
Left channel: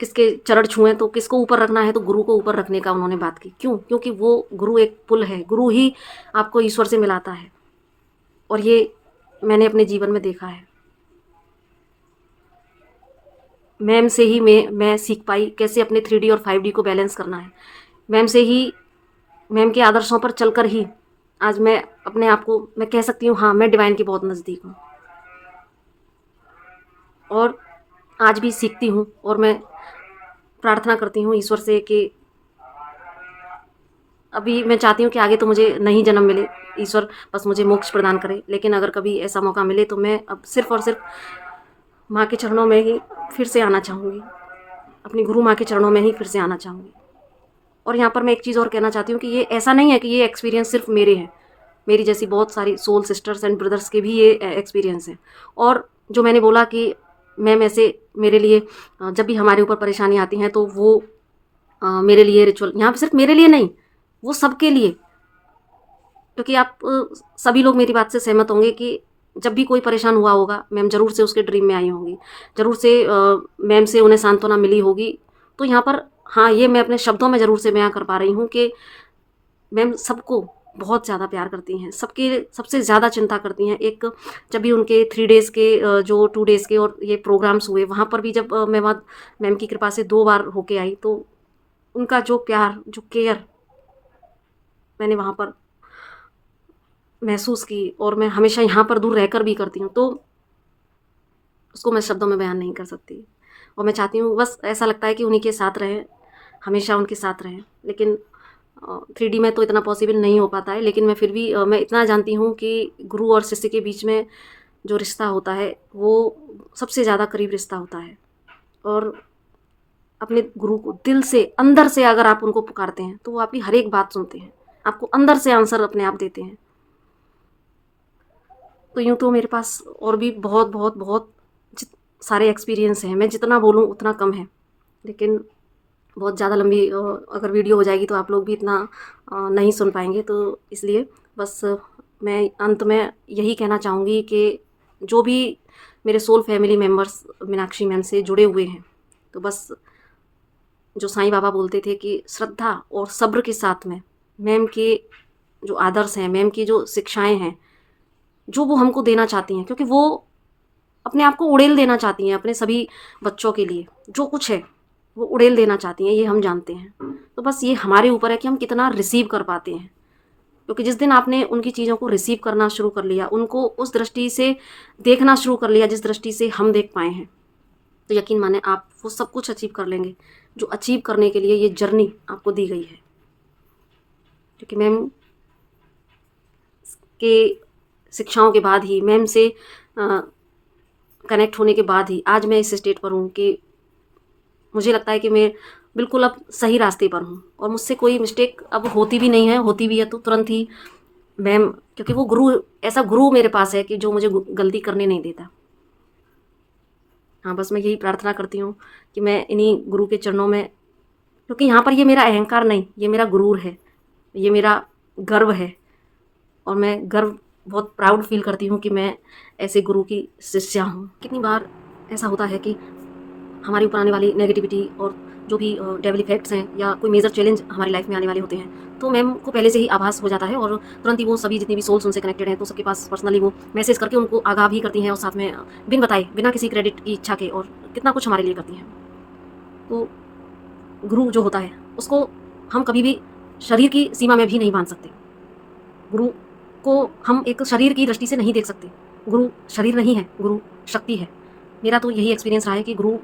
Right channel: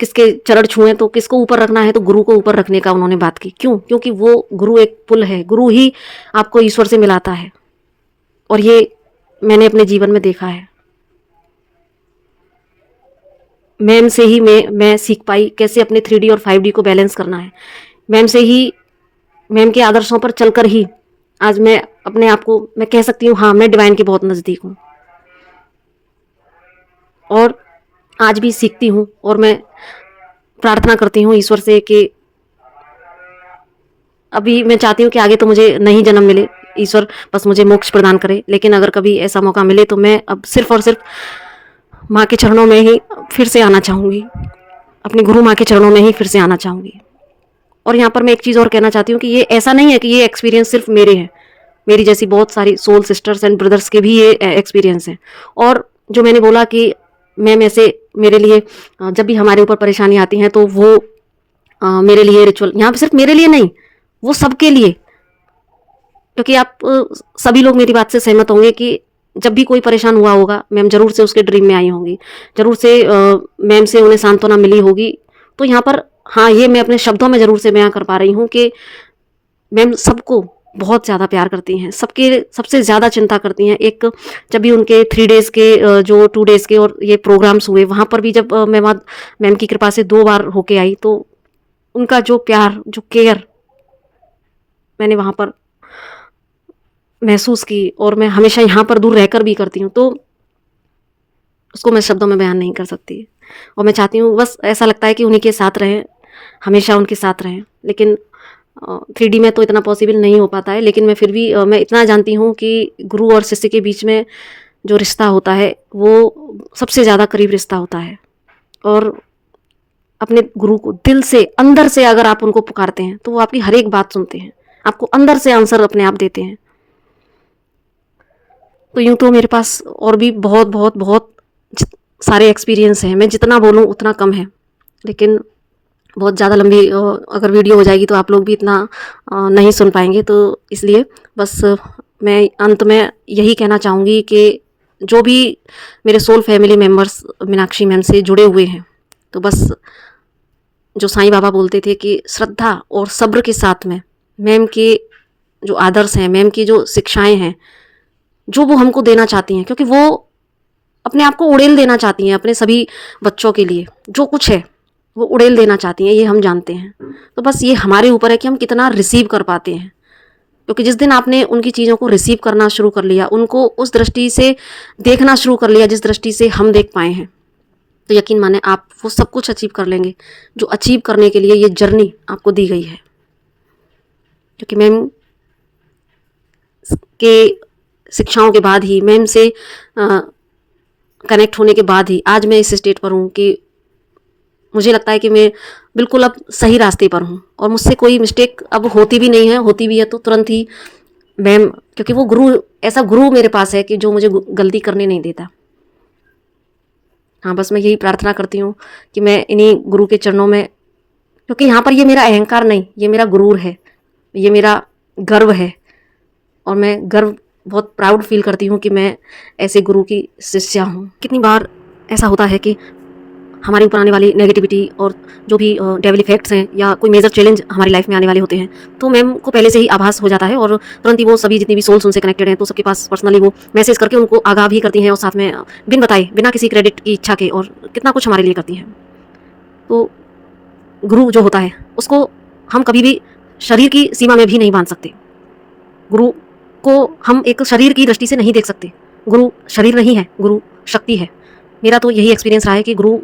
किसके चरण छुएं तो किसको ऊपर रखना है, तो गुरु को ऊपर रखने का उन्होंने बात की। क्यों? क्योंकि वो गुरु एक पुल है, गुरु ही आपको ईश्वर से मिलाता है। और ये मैंने अपने जीवन में देखा है। मैम से ही मैं सीख पाई कैसे अपने 3D और 5D को बैलेंस करना है। मैम के आदर्शों पर चलकर ही आज मैं अपने आप को, मैं कह सकती हूँ, हाँ, मैं डिवाइन के बहुत नज़दीक हूँ। और आज भी सीखती हूँ और मैं प्रार्थना करती हूँ ईश्वर से कि अभी मैं चाहती हूँ कि आगे तो मुझे नहीं जन्म मिले, ईश्वर बस मुझे मोक्ष प्रदान करे। लेकिन अगर कभी ऐसा मौका मिले तो मैं अब सिर्फ और सिर्फ माँ के चरणों में ही फिर से आना चाहूँगी, अपनी गुरु माँ के चरणों में ही फिर से आना चाहूँगी। और यहाँ पर मैं एक चीज़ और कहना चाहती हूँ कि ये ऐसा नहीं है कि ये एक्सपीरियंस सिर्फ मेरे हैं, मेरी जैसी बहुत सारी सोल सिस्टर्स एंड ब्रदर्स के भी ये एक्सपीरियंस हैं। और जो मैंने बोला कि मैम ऐसे मेरे लिए जब भी हमारे ऊपर परेशानी आती हैं तो वो मेरे लिए रिचुअल, यहाँ पर सिर्फ मेरे लिए नहीं, वो सबके लिए। क्योंकि आप सभी लोग मेरी बात से सहमत होंगे कि जब भी कोई परेशान हुआ होगा, मैम ज़रूर से उसके ड्रीम में आई होंगी, ज़रूर से मैम से उन्हें सांत्वना मिली होगी। तो यहाँ पर हाँ, ये मैं अपने शब्दों में ज़रूर से बयां कर पा रही हूँ कि मैम सबको बहुत ज़्यादा प्यार करती हैं, सबके सबसे ज़्यादा चिंता करती हैं। एक जब भी उनके 3 डेज़ के जो 2 डेज़ के और ये प्रोग्राम्स हुए, वहाँ पर भी जब मैं वहाँ मैम की कृपा से 2 बार होके आई, तो उनका जो प्यार, जो केयर मैंने वहाँ पर महसूस की, और मैं हमेशा यहाँ पर दूर रहकर भी करती हूँ, तो उसको मैं शब्दों में बयान नहीं कर सकती। और मैं चाहती हूँ, बस ऐसा लगता है कि उन्हीं के साथ रहें, हमेशा उनके साथ रहें। लेकिन 3D में तो इतना पॉसिबल नहीं हो पाता है, लेकिन मैं फिर भी मैं इतना जानती हूँ कि गुरु और शिष्य के बीच में जो रिश्ता होता है वो सबसे ज़्यादा करीब रिश्ता होता है। और अपने गुरु को दिल से, अंदर से अगर आप उनको पुकारते हैं तो वो आपकी हर एक बात सुनते हैं, आपको अंदर से आंसर अपने आप देते हैं। तो यूँ तो मेरे पास और भी बहुत बहुत बहुत सारे एक्सपीरियंस हैं, मैं जितना बोलूँ उतना कम है, लेकिन बहुत ज़्यादा लंबी अगर वीडियो हो जाएगी तो आप लोग भी इतना नहीं सुन पाएंगे। तो इसलिए बस मैं अंत में यही कहना चाहूँगी कि जो भी मेरे soul family members Meenakshi ma'am से जुड़े हुए हैं, तो बस जो साईं बाबा बोलते थे कि श्रद्धा और सब्र के साथ में मैम के जो आदर्श हैं, मैम की जो शिक्षाएं हैं, जो वो हमको देना चाहती हैं, क्योंकि वो अपने आप को उड़ेल देना चाहती हैं अपने सभी बच्चों के लिए, जो कुछ है वो उड़ेल देना चाहती हैं, ये हम जानते हैं। तो बस ये हमारे ऊपर है कि हम कितना रिसीव कर पाते हैं, क्योंकि जिस दिन आपने उनकी चीज़ों को रिसीव करना शुरू कर लिया, उनको उस दृष्टि से देखना शुरू कर लिया जिस दृष्टि से हम देख पाए हैं, तो यकीन माने आप वो सब कुछ अचीव कर लेंगे जो अचीव करने के लिए ये जर्नी आपको दी गई है। क्योंकि मैम के शिक्षाओं के बाद ही, मैम से कनेक्ट होने के बाद ही आज मैं इस स्टेट पर हूँ कि मुझे लगता है कि मैं बिल्कुल अब सही रास्ते पर हूँ और मुझसे कोई मिस्टेक अब होती भी नहीं है, होती भी है तो तुरंत ही मैम, क्योंकि वो गुरु, ऐसा गुरु मेरे पास है कि जो मुझे गलती करने नहीं देता। हाँ, बस मैं यही प्रार्थना करती हूँ कि मैं इन्हीं गुरु के चरणों में, क्योंकि यहाँ पर ये मेरा अहंकार नहीं, ये मेरा गुरूर है, ये मेरा गर्व है और मैं गर्व बहुत प्राउड फील करती हूँ कि मैं ऐसे गुरु की शिष्या हूँ। कितनी बार ऐसा होता है कि हमारे ऊपर आने वाली नेगेटिविटी और जो भी डेविल इफेक्ट्स हैं या कोई मेजर चैलेंज हमारी लाइफ में आने वाले होते हैं, तो मैम को पहले से ही आभास हो जाता है और तुरंत ही वो सभी जितनी भी सोल्स उनसे कनेक्टेड हैं तो सबके पास पर्सनली वो मैसेज करके उनको आगाह भी करती हैं और साथ में बिन बताए, बिना किसी क्रेडिट की इच्छा के, और कितना कुछ हमारे लिए करती हैं। तो गुरु जो होता है उसको हम कभी भी शरीर की सीमा में भी नहीं बांध सकते। गुरु को हम एक शरीर की दृष्टि से नहीं देख सकते। गुरु शरीर नहीं है, गुरु शक्ति है। मेरा तो यही एक्सपीरियंस रहा है कि गुरु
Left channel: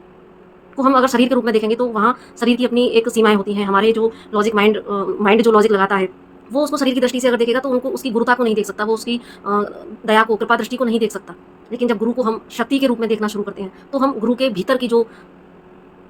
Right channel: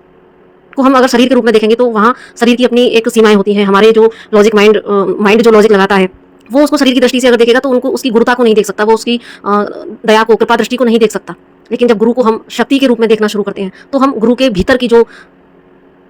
को हम अगर शरीर के रूप में देखेंगे तो वहाँ शरीर की अपनी एक सीमाएं होती हैं। हमारे जो लॉजिक माइंड जो लॉजिक लगाता है वो उसको शरीर की दृष्टि से अगर देखेगा तो उनको उसकी गुरुता को नहीं देख सकता, वो उसकी दया को, कृपा दृष्टि को नहीं देख सकता। लेकिन जब गुरु को हम शक्ति के रूप में देखना शुरू करते हैं तो हम गुरु के भीतर की जो,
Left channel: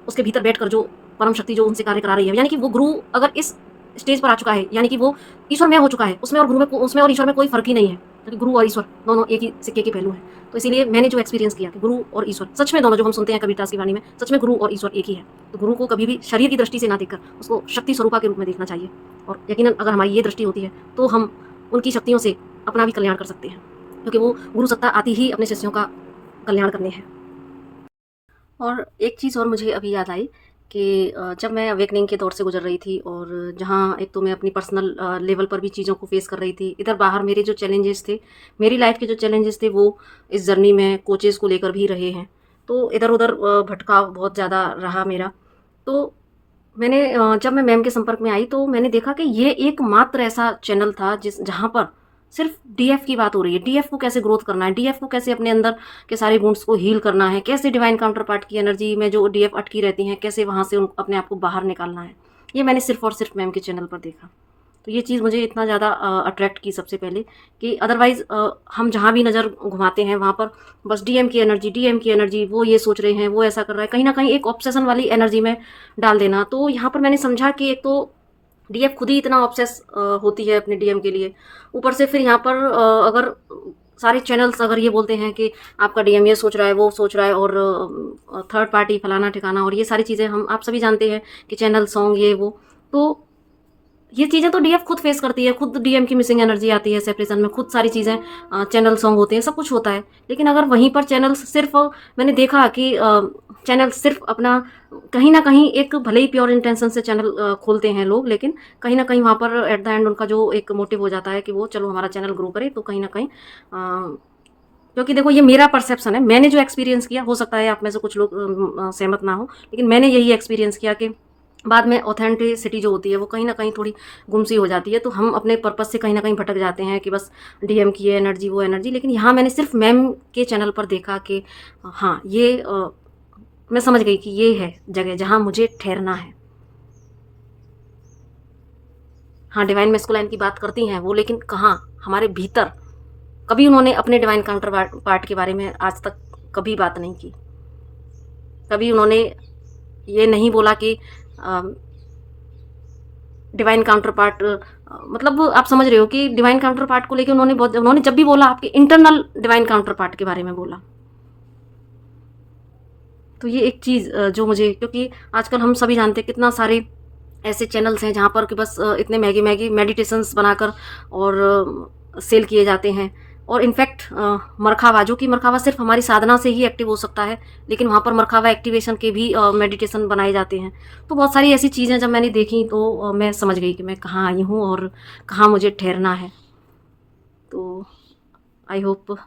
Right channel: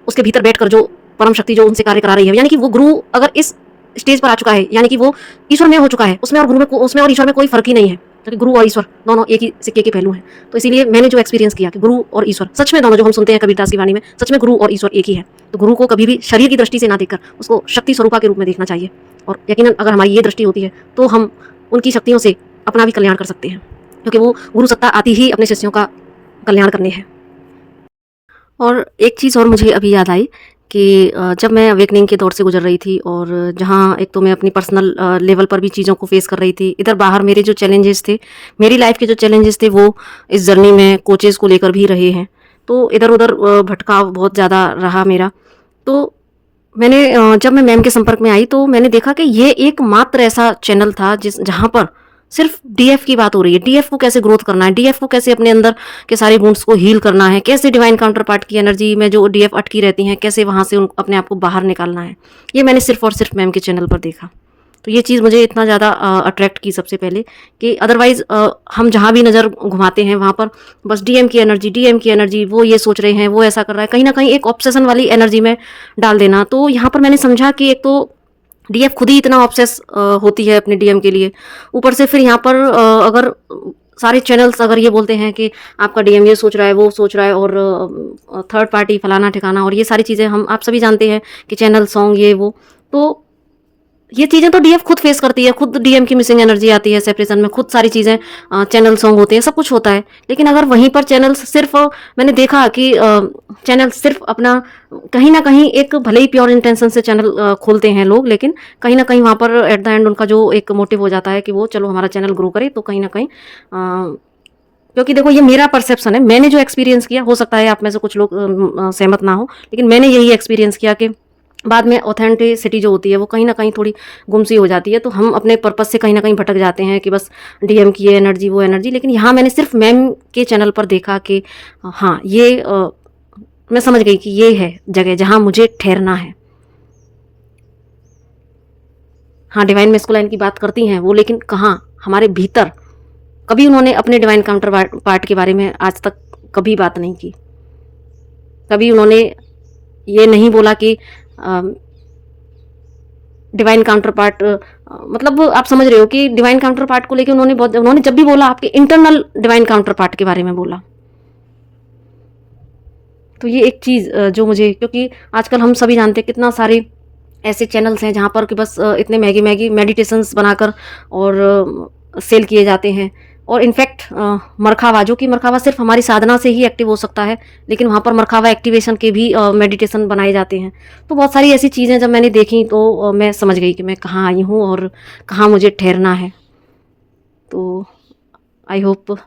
उसके भीतर बैठकर जो परम शक्ति जो उनसे कार्य करा रही है, यानी कि वो गुरु अगर इस स्टेज पर आ चुका है, यानी कि वो ईश्वर में हो चुका है, उसमें और गुरु में, उसमें और ईश्वर में कोई फर्क ही नहीं है, क्योंकि गुरु और ईश्वर दोनों एक ही सिक्के के पहलू हैं। तो इसीलिए मैंने जो एक्सपीरियंस किया कि गुरु और ईश्वर सच में दोनों, जो हम सुनते हैं कबीरदास की वाणी में, सच में गुरु और ईश्वर एक ही है। तो गुरु को कभी भी शरीर की दृष्टि से ना देखकर उसको शक्ति स्वरूपा के रूप में देखना चाहिए, और यकीनन अगर हमारी ये दृष्टि होती है तो हम उनकी शक्तियों से अपना भी कल्याण कर सकते हैं, क्योंकि वो गुरु सत्ता आती ही अपने शिष्यों का कल्याण करने है। और एक चीज़ और मुझे अभी याद आई कि जब मैं अवेकनिंग के दौर से गुजर रही थी और जहाँ एक तो मैं अपनी पर्सनल लेवल पर भी चीज़ों को फेस कर रही थी, इधर बाहर मेरे जो चैलेंजेस थे, मेरी लाइफ के जो चैलेंजेस थे वो इस जर्नी में कोचेज़ को लेकर भी रहे हैं। तो इधर उधर भटकाव बहुत ज़्यादा रहा मेरा। तो मैंने जब मैं मैम के संपर्क में आई तो मैंने देखा कि ये एकमात्र ऐसा चैनल था जहाँ पर सिर्फ डीएफ की बात हो रही है। डीएफ को कैसे ग्रोथ करना है, डीएफ को कैसे अपने अंदर के सारे वुंड्स को हील करना है, कैसे डिवाइन काउंटर पार्ट की एनर्जी में जो डीएफ अटकी रहती हैं, कैसे वहाँ से अपने आप को बाहर निकालना है। ये मैंने सिर्फ और सिर्फ मैम के चैनल पर देखा। तो ये चीज़ मुझे इतना ज़्यादा अट्रैक्ट की सबसे पहले कि अदरवाइज़ हम जहाँ भी नज़र घुमाते हैं वहाँ पर बस डीएम की एनर्जी, वो ये सोच रहे हैं, वो ऐसा कर रहा है, कहीं ना कहीं एक ऑब्सेशन वाली एनर्जी में डाल देना। तो यहाँ पर मैंने समझा कि एक तो डीएफ खुद ही इतना ऑब्सेस होती है अपने डीएम के लिए, ऊपर से फिर यहाँ पर अगर सारे चैनल्स अगर ये बोलते हैं कि आपका डीएम ये सोच रहा है, वो सोच रहा है, और थर्ड पार्टी फलाना ठिकाना, और ये सारी चीज़ें हम आप सभी जानते हैं कि चैनल सॉन्ग ये वो, तो ये चीज़ें तो डीएफ खुद फेस करती है, खुद डीएम की मिसिंग एनर्जी आती है सेपरेशन में, खुद सारी चीज़ें चैनल सॉन्ग होते हैं, सब कुछ होता है। लेकिन अगर वहीं पर चैनल सिर्फ, मैंने देखा कि चैनल सिर्फ अपना कहीं ना कहीं एक, भले ही प्योर इंटेंशन से चैनल खोलते हैं लोग, लेकिन कहीं ना कहीं वहाँ पर एट द एंड उनका जो एक मोटिव हो जाता है कि वो चलो हमारा चैनल ग्रो करे, तो कहीं ना कहीं क्योंकि देखो ये मेरा परसेप्शन है, मैंने जो एक्सपीरियंस किया, हो सकता है आप में से कुछ लोग सहमत ना हो, लेकिन मैंने यही एक्सपीरियंस किया कि बाद में ऑथेंटिसिटी जो होती है वो कहीं ना कहीं थोड़ी गुमसी हो जाती है। तो हम अपने पर्पस से कहीं ना कहीं भटक जाते हैं कि बस डीएम की ये एनर्जी, वो एनर्जी। लेकिन यहाँ मैंने सिर्फ मैम के चैनल पर देखा कि हाँ, ये मैं समझ गई कि ये है जगह जहाँ मुझे ठहरना है। हाँ, डिवाइन मेस्कुलाइन की बात करती हैं वो, लेकिन कहाँ, हमारे भीतर कभी उन्होंने अपने डिवाइन काउंटर पार्ट के बारे में आज तक कभी बात नहीं की। कभी उन्होंने ये नहीं बोला कि डिवाइन काउंटर पार्ट, मतलब आप समझ रहे हो कि डिवाइन काउंटर पार्ट को लेके उन्होंने जब भी बोला आपके इंटरनल डिवाइन काउंटर पार्ट के बारे में बोला। तो ये एक चीज़ जो मुझे, क्योंकि आजकल हम सभी जानते हैं कितना सारे ऐसे चैनल्स हैं जहाँ पर कि बस इतने महंगे मेडिटेशंस बनाकर और सेल किए जाते हैं। और इनफैक्ट मरखावा, जो कि मरखावा सिर्फ हमारी साधना से ही एक्टिव हो सकता है, लेकिन वहाँ पर मरखावा एक्टिवेशन के भी मेडिटेशन बनाए जाते हैं। तो बहुत सारी ऐसी चीज़ें जब मैंने देखी तो मैं समझ गई कि मैं कहाँ आई हूँ और कहाँ मुझे ठहरना है। तो आई होप,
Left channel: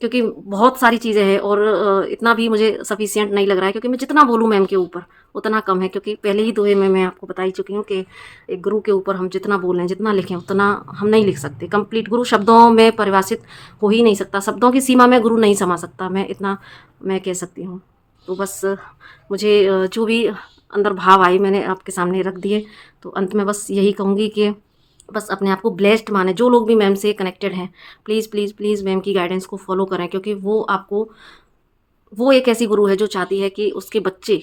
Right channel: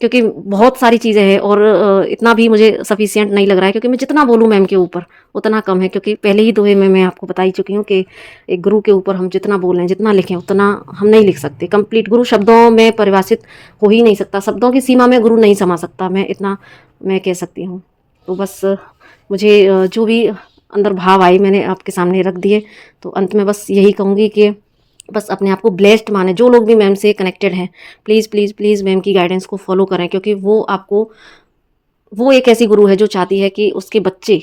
क्योंकि बहुत सारी चीज़ें हैं और इतना भी मुझे सफिशिएंट नहीं लग रहा है, क्योंकि मैं जितना बोलूँ मैम के ऊपर उतना कम है, क्योंकि पहले ही दोहे में मैं आपको बता ही चुकी हूँ कि एक गुरु के ऊपर हम जितना बोलें, जितना लिखें, उतना हम नहीं लिख सकते। कंप्लीट गुरु शब्दों में परिभाषित हो ही नहीं सकता, शब्दों की सीमा में गुरु नहीं समा सकता, मैं इतना मैं कह सकती हूँ। तो बस मुझे जो भी अंदर भाव आए मैंने आपके सामने रख दिए। तो अंत में बस यही कहूँगी कि बस अपने आप को ब्लेस्ड माने। जो लोग भी मैम से कनेक्टेड हैं, प्लीज़ प्लीज़ प्लीज़ मैम की गाइडेंस को फॉलो करें, क्योंकि वो एक ऐसी गुरु है जो चाहती है कि उसके बच्चे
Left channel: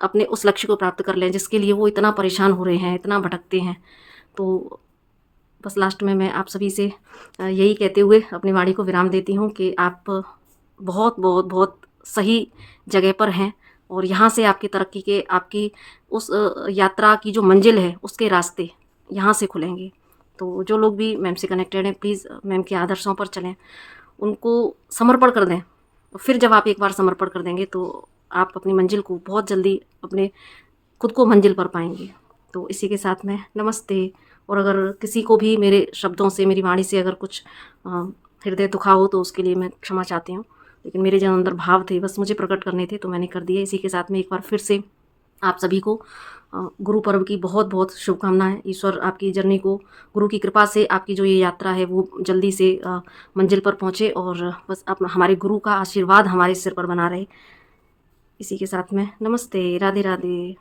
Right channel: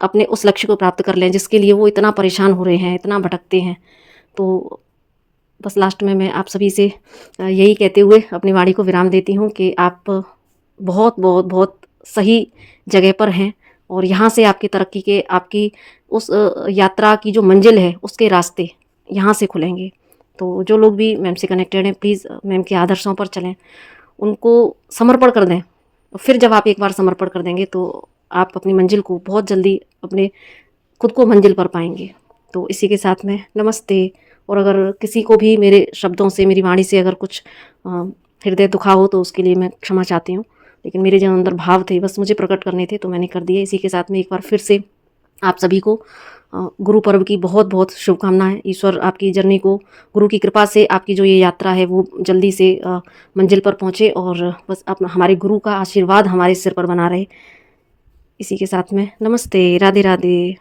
अपने उस लक्ष्य को प्राप्त कर लें जिसके लिए वो इतना परेशान हो रहे हैं, इतना भटकते हैं। तो बस लास्ट में मैं आप सभी से यही कहते हुए अपनी वाणी को विराम देती हूँ कि आप बहुत बहुत बहुत सही जगह पर हैं और यहाँ से आपकी तरक्की के, आपकी उस यात्रा की जो मंजिल है उसके रास्ते यहाँ से खुलेंगे। तो जो लोग भी मैम से कनेक्टेड हैं, प्लीज़ मैम के आदर्शों पर चलें, उनको समर्पण कर दें। फिर जब आप एक बार समर्पण कर देंगे तो आप अपनी मंजिल को बहुत जल्दी, अपने खुद को मंजिल पर पाएंगे। तो इसी के साथ में नमस्ते। और अगर किसी को भी मेरे शब्दों से, मेरी वाणी से अगर कुछ हृदय दुखा हो तो उसके लिए मैं क्षमा चाहती हूँ, लेकिन मेरे जो अंदर भाव थे बस मुझे प्रकट करने थे तो मैंने कर दिए। इसी के साथ में एक बार फिर से आप सभी को गुरु पर्व की बहुत बहुत शुभकामनाएं। ईश्वर आपकी जर्नी को, गुरु की कृपा से आपकी जो ये यात्रा है वो जल्दी से मंजिल पर पहुँचे और बस अपना हमारे गुरु का आशीर्वाद हमारे सिर पर बना रहे। इसी के साथ में नमस्ते, राधे राधे।